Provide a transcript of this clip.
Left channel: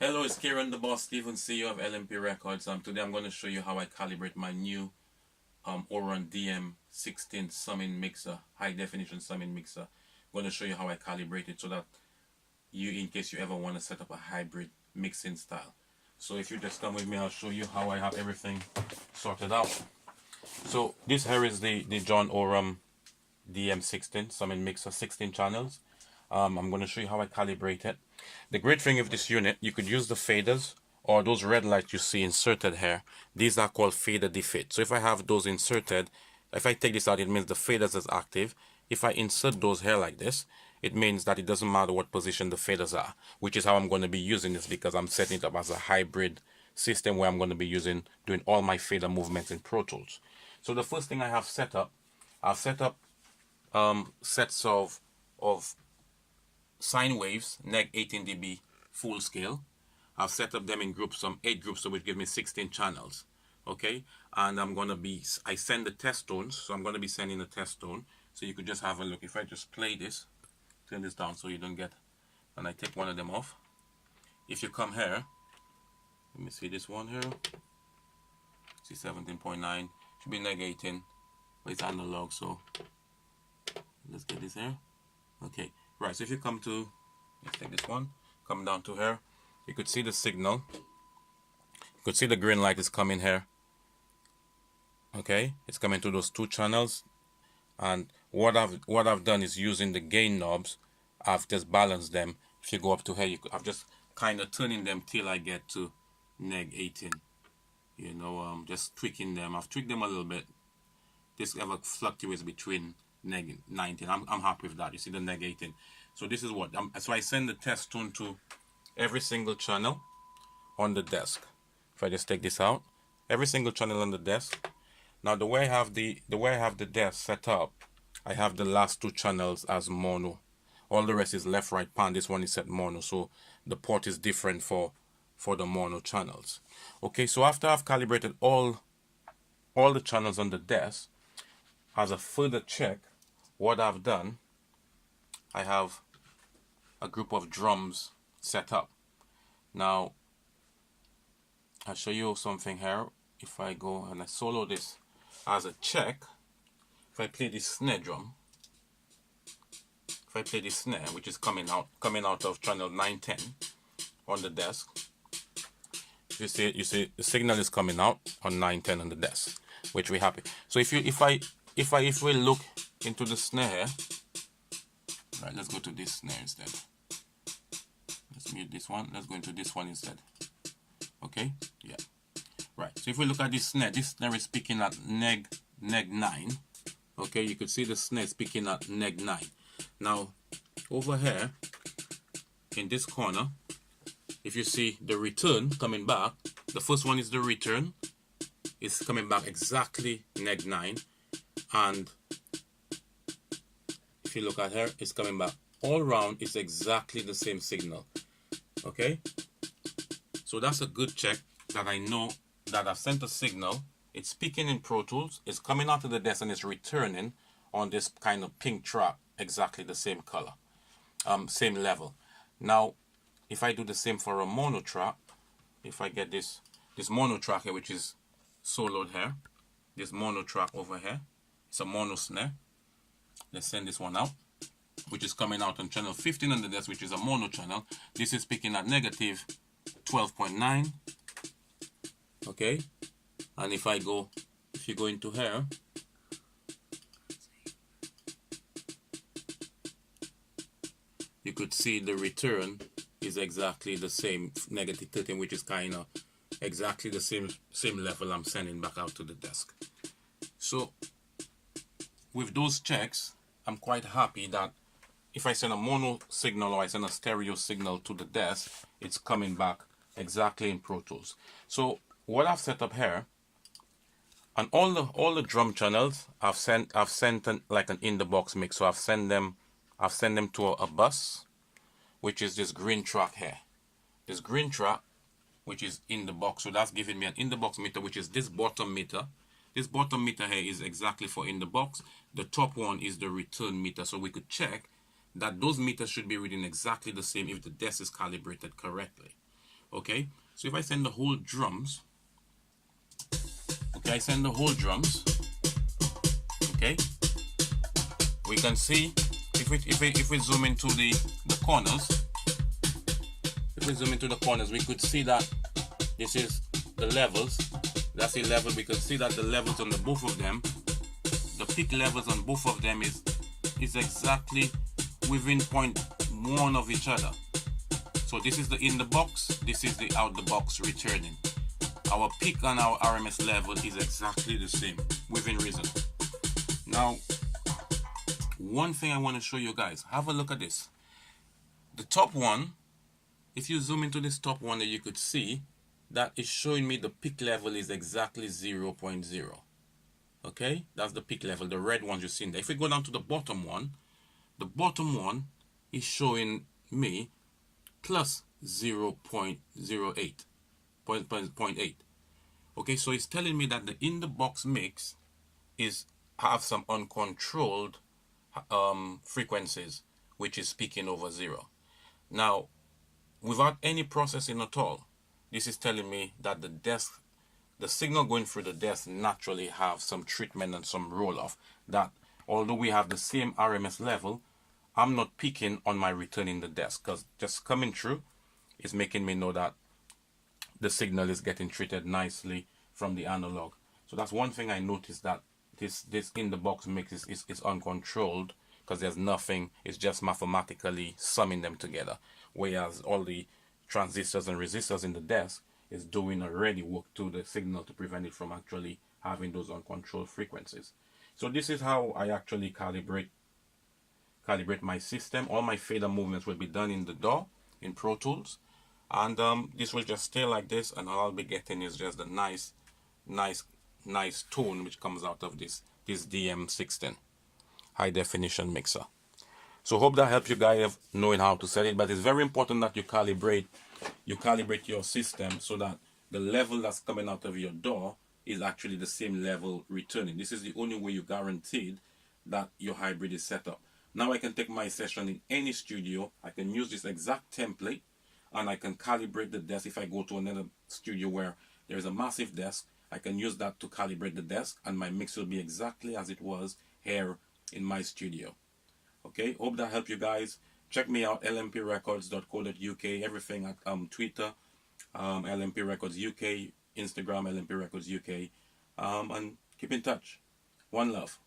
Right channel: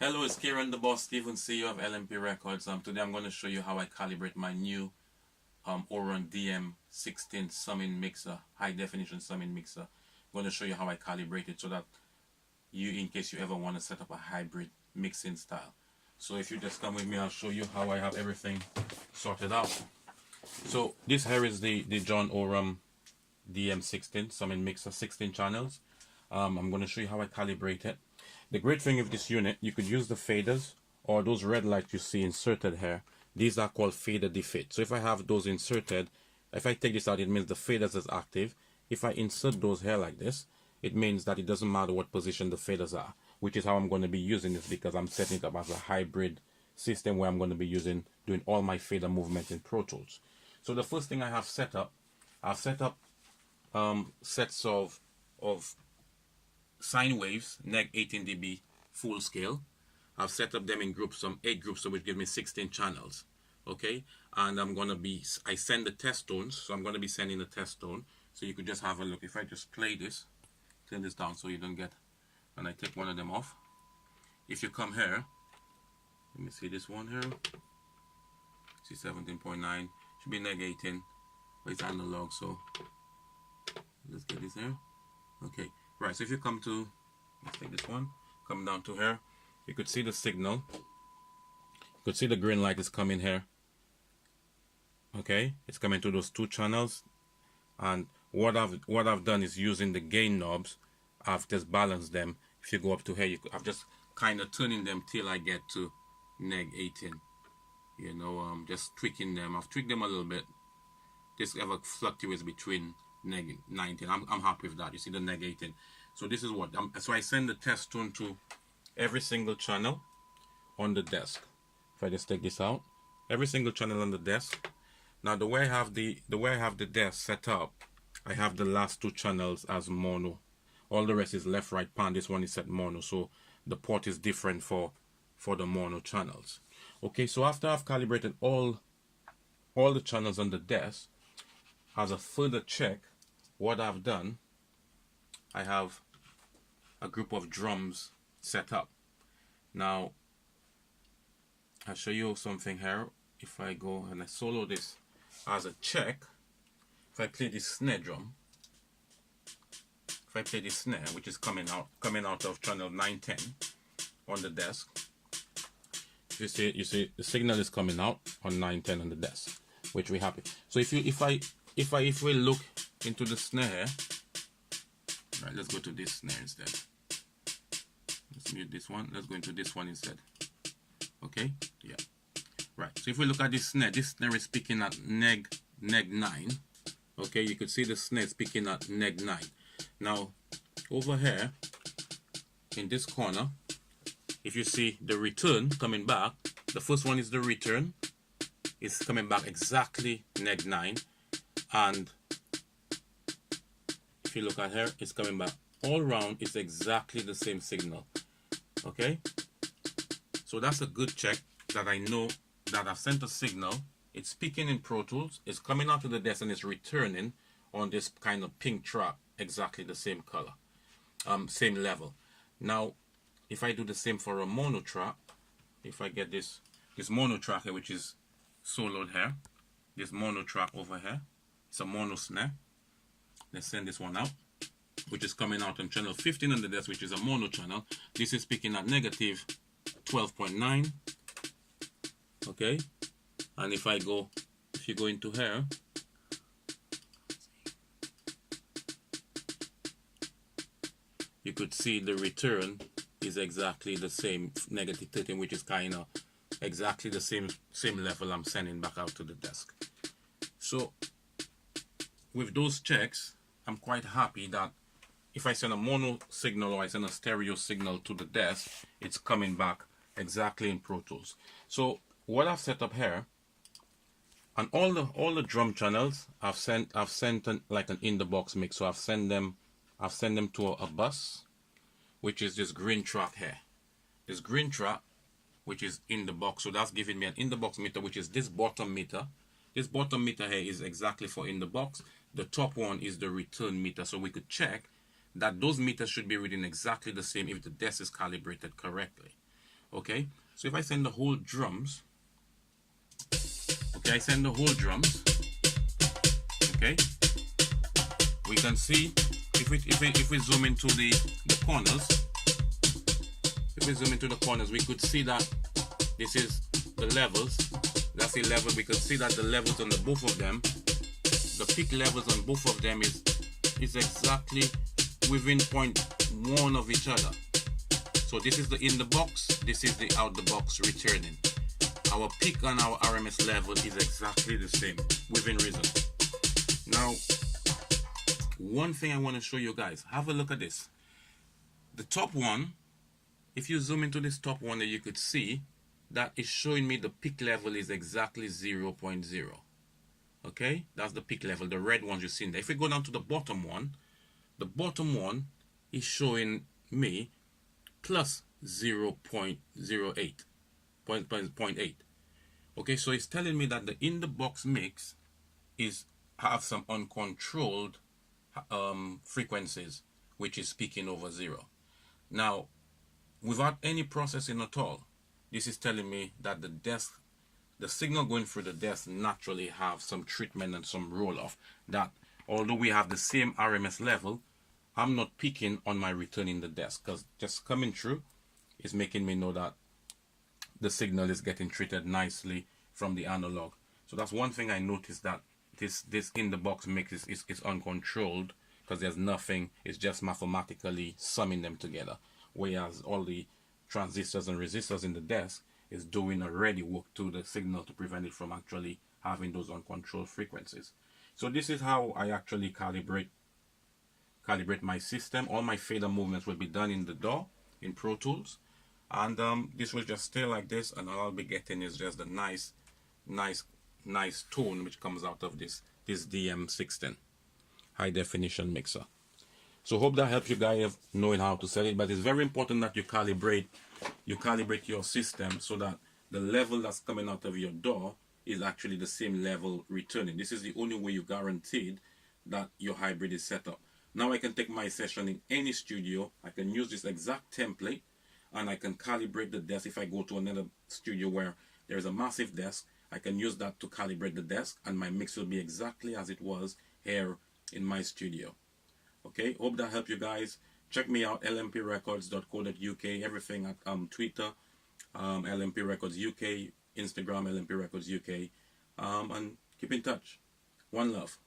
Hello, it's Kieran the Boss Stephen, CEO of Lmp Records. Today I'm going to show you how I calibrate my new Aurum DM16 summing mixer, high definition summing mixer. I'm going to show you how I calibrate it so that in case you ever want to set up a hybrid mixing style. So if you just come with me, I'll show you how I have everything sorted out. So this here is the John Aurum DM16 summing mixer, 16 channels. I'm going to show you how I calibrate it. The great thing with this unit, you could use the faders or those red lights you see inserted here. These are called fader defit. So if I have those inserted, if I take this out, it means the faders is active. If I insert those here like this, it means that it doesn't matter what position the faders are, which is how I'm going to be using this, because I'm setting it up as a hybrid system where I'm going to be doing all my fader movements in Pro Tools. So the first thing I have set up, I've set up sets of sine waves, neg 18 dB full scale. I've set up them in groups, some 8 groups, so which gives me 16 channels. Okay, and I send the test tones, so I'm going to be sending the test tone, so you could just have a look. If I just play this, turn this down so you don't get, and I take one of them off. If you come here, let me see this one here, see 17.9, should be neg 18, but it's analog, so let's get this here. Okay, right, so if you come to, let's take this one, come down to here, you could see the signal. You could see the green light is coming here. Okay, it's coming to those 2 channels, and what I've done is using the gain knobs, I've just balanced them. If you go up to here, I've just kind of turning them till I get to neg 18. You know, just tweaking them. I've tweaked them a little bit. This ever fluctuates between neg 19. I'm happy with that. You see the neg 18. So this is what so I send the test tone to every single channel on the desk. If I just take this out, every single channel on the desk. Now the way I have the desk set up, I have the last 2 channels as mono. All the rest is left, right, pan. This one is set mono, so the port is different for the mono channels. Okay, so after I've calibrated all the channels on the desk, as a further check, what I've done, I have a group of drums set up. Now I'll show you something here. If I go and I solo this as a check, if I play this snare drum, if I play this snare, which is coming out of channel 910 on the desk, you see the signal is coming out on 910 on the desk, which we're happy. So if we look into the snare, right, let's go to this snare instead. Let's mute this one. Let's go into this one instead. Okay, yeah, right. So if we look at this snare is picking at neg 9. Okay, you could see the snare is picking at neg 9. Now over here in this corner, if you see the return coming back, the first one is the return. It's coming back exactly neg 9, and if you look at here, it's coming back all round. It's exactly the same signal. Okay, so that's a good check that I know that I've sent a signal. It's speaking in Pro Tools, it's coming out of the desk, and it's returning on this kind of pink track, exactly the same color, same level. Now if I do the same for a mono track, if I get this mono track here, which is soloed here, this mono track over here, it's a mono snare. Let's send this one out, which is coming out on channel 15 on the desk, which is a mono channel. This is picking at negative 12.9. okay, and if you go into here, you could see the return is exactly the same, negative 13, which is kind of exactly the same level I'm sending back out to the desk. So with those checks, I'm quite happy that if I send a mono signal or I send a stereo signal to the desk, it's coming back exactly in Pro Tools. So what I've set up here, and all the drum channels, I've sent like an in the box mix. So I've sent them to a bus, which is this green track here. This green track, which is in the box. So that's giving me an in the box meter, which is this bottom meter. This bottom meter here is exactly for in the box. The top one is the return meter. So we could check that those meters should be reading exactly the same if the desk is calibrated correctly. Okay, so if I send the whole drums, okay, I send the whole drums, okay, we can see if we zoom into the corners, if we zoom into the corners, we could see that this is the levels. That's the level. We could see that the levels on the both of them, the peak levels on both of them is exactly within 0.1 of each other. So this is the in the box, this is the out the box returning. Our peak and our RMS level is exactly the same, within reason. Now, one thing I want to show you guys, have a look at this. The top one, if you zoom into this top one, you could see that is showing me the peak level is exactly 0.0. Okay, that's the peak level, the red ones you see in there. If we go down to the bottom one is showing me plus 0.08, 0.8. Okay, so it's telling me that the in the box mix is have some uncontrolled frequencies, which is peaking over 0. Now, without any processing at all, this is telling me that the signal going through the desk naturally have some treatment and some roll off, that although we have the same RMS level, I'm not peaking on my return in the desk, because just coming through is making me know that the signal is getting treated nicely from the analog. So that's one thing I noticed, that this in the box mix is uncontrolled, because there's nothing, it's just mathematically summing them together, whereas all the transistors and resistors in the desk is doing already work to the signal to prevent it from actually having those uncontrolled frequencies. So this is how I actually calibrate my system. All my fader movements will be done in the DAW in Pro Tools, and this will just stay like this, and all I'll be getting is just a nice tone which comes out of this DM16 high definition mixer. So hope that helps you guys knowing how to set it. But it's very important that you calibrate your system so that the level that's coming out of your DAW is actually the same level returning. This is the only way you guaranteed that your hybrid is set up. Now I can take my session in any studio. I can use this exact template and I can calibrate the desk. If I go to another studio where there is a massive desk, I can use that to calibrate the desk, and my mix will be exactly as it was here in my studio. Okay, hope that helped you guys. Check me out, lmprecords.co.uk, everything at Twitter, LMP Records UK, Instagram, LMP Records UK, and keep in touch. One love.